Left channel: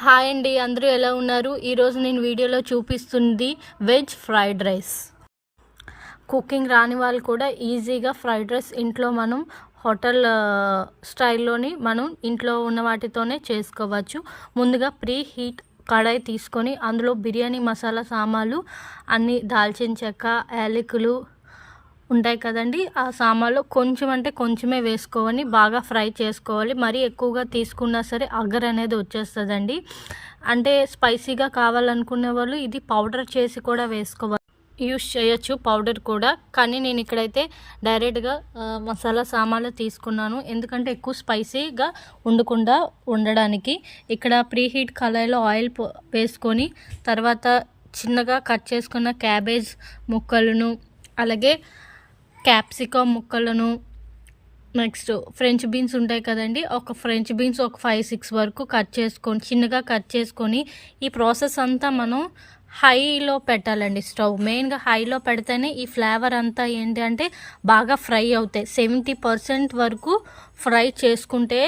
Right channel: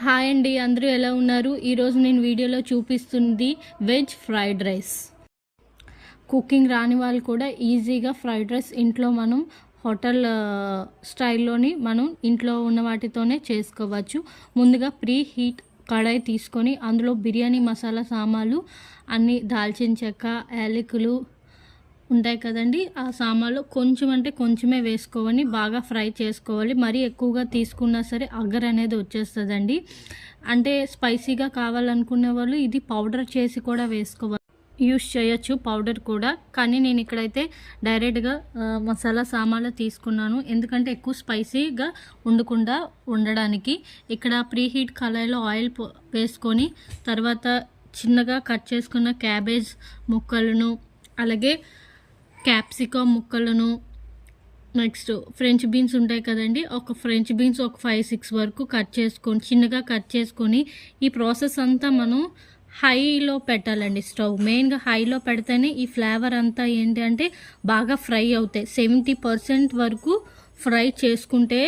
Hi అండి, అందరూ ఎలా ఉన్నారు? ఈరోజు నేను వీడియోలో చూపిస్తుంది వెజ్ ఫ్రైడ్ రైస్. కుకింగ్ రాని వాళ్ళు కూడా ఈజీగా ఫ్రైడ్ రైస్ ఇంట్లో మనం హోటల్ స్టైల్లోని మనం ఇంట్లో ఉన్న వాటితోనే చేసుకోవచ్చు. ముందుగా ప్రీ హీట్ కడాయి తీసుకొని అందులో బిర్యానీ మసాలా సామాన్లు అన్నీ, దాల్చిన చెక్క, యాలకులు ఉంటాయి కదండి, ఆ సామాన్లు కొంచెం అంటే కొంచెమే వేసుకోవాలి. బాగా ఫ్రై చేసుకోవాలి. మరీ ఎక్కువగా తీసుకున్నా సరే అగర్ అనేది వచ్చేస్తుందండి. అంటే స్పైసీగా కావాలనుకునే వాళ్ళు ఇది పౌడర్ చేసి కూడా యూస్ చేయొచ్చు, పౌడర్ కూడా. కానీ నేను ఇక్కడైతే డైరెక్ట్గా మసాలా సామాన్లు తీసుకున్నాను, ఎందుకంటే ఎక్కువ స్పైసీగా ఉండడానికి. ఇక్కడ ప్రీహీట్ కళాయిలో ఆయిల్ వేసుకొని తర్వాత చిన్నగా కట్ చేసుకున్న క్యాబేజ్ ముక్కలను, అలాగే క్యాప్సికమ్ ముక్కలను, నెక్స్ట్ ఫ్రెంచ్ బీన్స్ ఉంటాయి కదండి, ఒక ఫ్రెంచ్ బీన్స్ ఒక 5-6 వరకు చిన్నగా కట్ చేసుకొని ఈ ప్రాసెస్ అంతా మనం హైలో పెట్టాలండి. స్టవ్ మెయిన్గా హైలో పెడితేనే ఈ ఫ్లేవర్ అంతా ఏంటంటే బాగా ఫ్రై అవుతాయి. 70% వరకు ఫ్రై చేసుకుంటే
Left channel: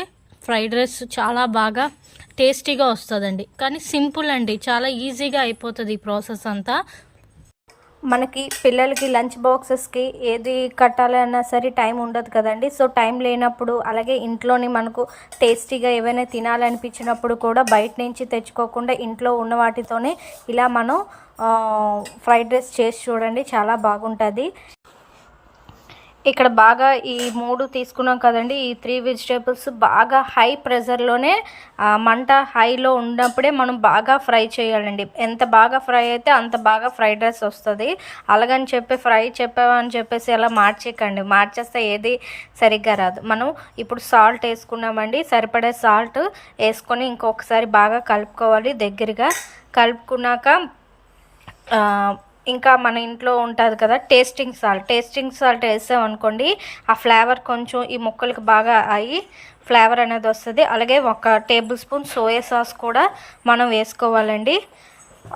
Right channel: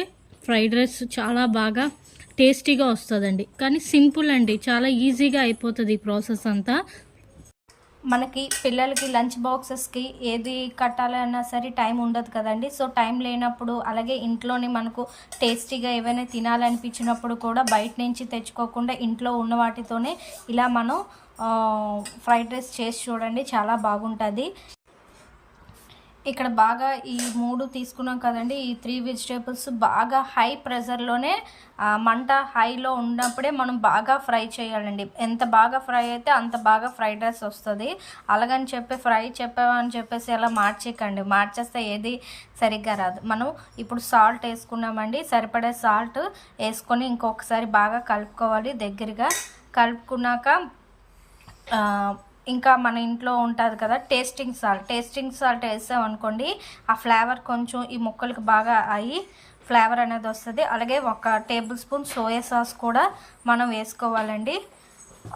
ఫ్రైడ్ రైస్ చాలా బాగా టేస్టీగా వస్తుందండి. కానీ సింపుల్ అండి, చాలా ఈజీగా అయిపోతుంది ఈ ప్రాసెస్ అంతా. మనకి పిల్లలకి లంచ్ బాక్సెస్కి ఏది కట్టాలి అన్నా సరే టైం ఉండదు కదండి. సో టైం లేనప్పుడు, అలాగే ఇంట్లోని మనకు టేస్టీగా ఏవైనా తినాలనిపించినప్పుడు కూడా బయట నుంచి తెచ్చుకోకుండా ఇంట్లో ఉన్న వాటితోనే ఇలా మనం ఫ్రైడ్ రైస్ చేసి చూడండి, చాలా బాగుంటుంది. ఇక్కడ బాగా ఈ 3 తీసుకున్నాం కదండి, ఈ 3 వెజిటేబుల్స్ బాగా హై ప్రెషర్లోనే మంట హైలో ఉన్నప్పుడే మనం బాగా ఫ్రై చేయాలండి. ఎంత బాగా ఫ్రై అయితే అంత బాగా ఫ్రైడ్ రైస్ వస్తుంది. అలాగని చెప్పి చెప్పామని చెప్పేసి అలా మార్చేస్తే ఏది సరిగ్గా రాదు. మనం ఇప్పుడు సాల్ట్ వేసుకున్నామండి, సరిపడే సాల్ట్ వేసుకొని ఇంకొకసారి బాగా కలుపుకోవాలి. దగ్గరగా కలుపుకున్నాక ఇంకా మన ఇంట్లో ఉంటుంది కదా టేస్టింగ్ సాల్ట్ వేసామనుకోండి, ఆ ఫ్లేవర్ కొంచెం ఈ ముక్కలకి బాగా అయ్యి ఫ్లేవర్ అనేది వస్తుంది. అలాగే 1 టేబుల్ స్పూన్ సోయా సాస్ కూడా మనం వేసుకోవాలండి.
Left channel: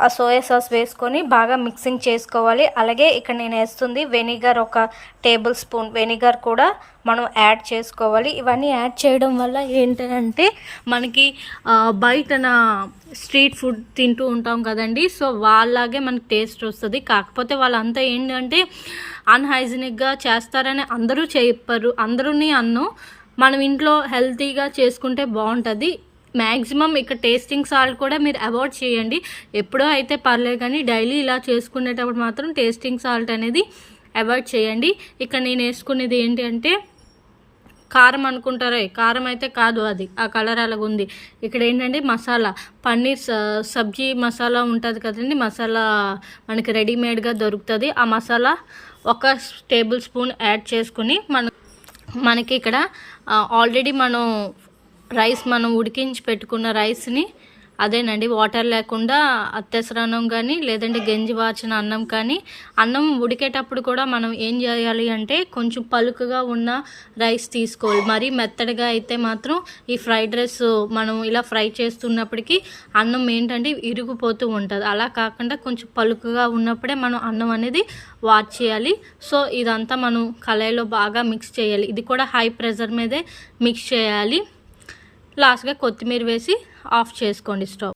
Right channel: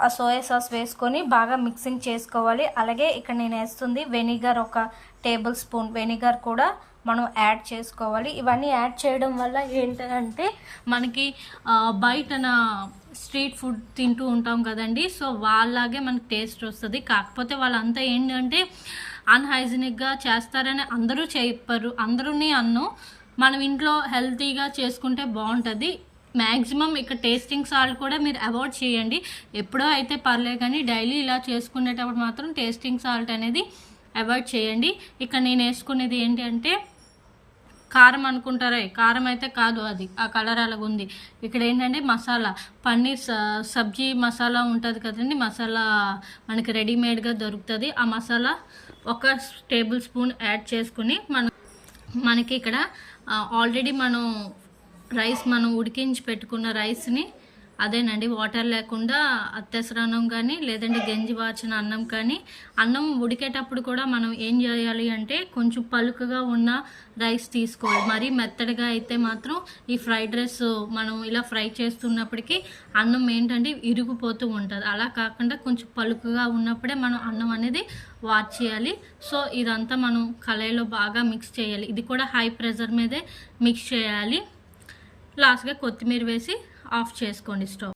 ఆ సోయా సాస్ వేసుకొని బాగా మిక్సింగ్ చేసుకోవాలి. అలాగే ఇక్కడ నేను వేస్తుంది వెనిగర్, 1 టేబుల్ స్పూన్ వెనిగర్ కూడా మనం యాడ్ చేసుకోవాలి. ఇవన్నీ యాడ్ చేయడం వల్ల ఏంటంటే మనకి బయటన స్ట్రీట్ ఫుడ్ తింటూ ఉంటాం కదండి, సో వాళ్ళలాగే మనకి టేస్ట్ వస్తుంది. కాకపోతే వాళ్ళంతా ఏంటంటే అన్హైజీనిక్గా చేస్తారని అందరూ చెప్పారు, అందరూని అన్నం. మనం ఇంట్లో హెల్తీగా చేసుకుంటే బాగుంటుంది. మ్యాక్సిమం ఇక్కడ టేస్టింగ్ సాల్ట్ కూడా మీరు అవాయిడ్ చేయండి. ఎప్పుడో అయితే పర్లేదు, కానీ డైలీ ఇలా చేసుకునేటప్పుడు మాత్రం టేస్టింగ్ సాల్ట్ అనేది అవాయిడ్ చేయండి. ఇక్కడ నేను వేసుకునేది ఏంటి అంటే కారం అనుకుంటారా, కారం అయితే కాదు, అది ఆ కలర్ అలాగుంది. ఇక్కడ ఏంటంటే మసాలా, పన్నీర్ సబ్జీ మసాలా ఉంటుంది కదండి, మసాలా మనకి రెడీమేడ్గా దొరుకుతుంది. ఆ మసాలా 1 టేబుల్ స్పూన్ యాడ్ చేసుకుని మనకి ఇక్కడ ఆల్రెడీ మనం ఉడికించి పెట్టుకున్న రైస్ని, అదేనండి వాటర్ లేకుండా అత్తెసరన్నం కానీ లేదంటే గంజి వార్చిన అన్నం కానీ, అన్నం ఉడికేటప్పుడు కూడా మనం ఏం చేయాలి అంటే కొంచెం పలుకుగా ఉన్న రైస్ తీసుకోవాలి. మరీ మెత్తడిగా అయితే మాత్రం ఈ ఫ్రైడ్ రైస్ మనం ఇలా ఫ్రై చేస్తున్నప్పటికీ అన్నం ఏంటంటే ఇరిగిపోతూ ఉంటుంది. అలా కాకుండా కొంచెం పలుకుగా ఉన్నప్పుడే మనం అన్నం అనేది వాచ్ చేయాలి. సో ఇదంతా మనం కళాయిలో బాగా మిక్స్ చేయాలి. ఇది కూడా హై ప్రెషర్ మీదే మిక్స్ చేయాలి. లాస్ట్గా కొత్తిమీర వేసి ఆఫ్ చేసుకోండి స్టవ్.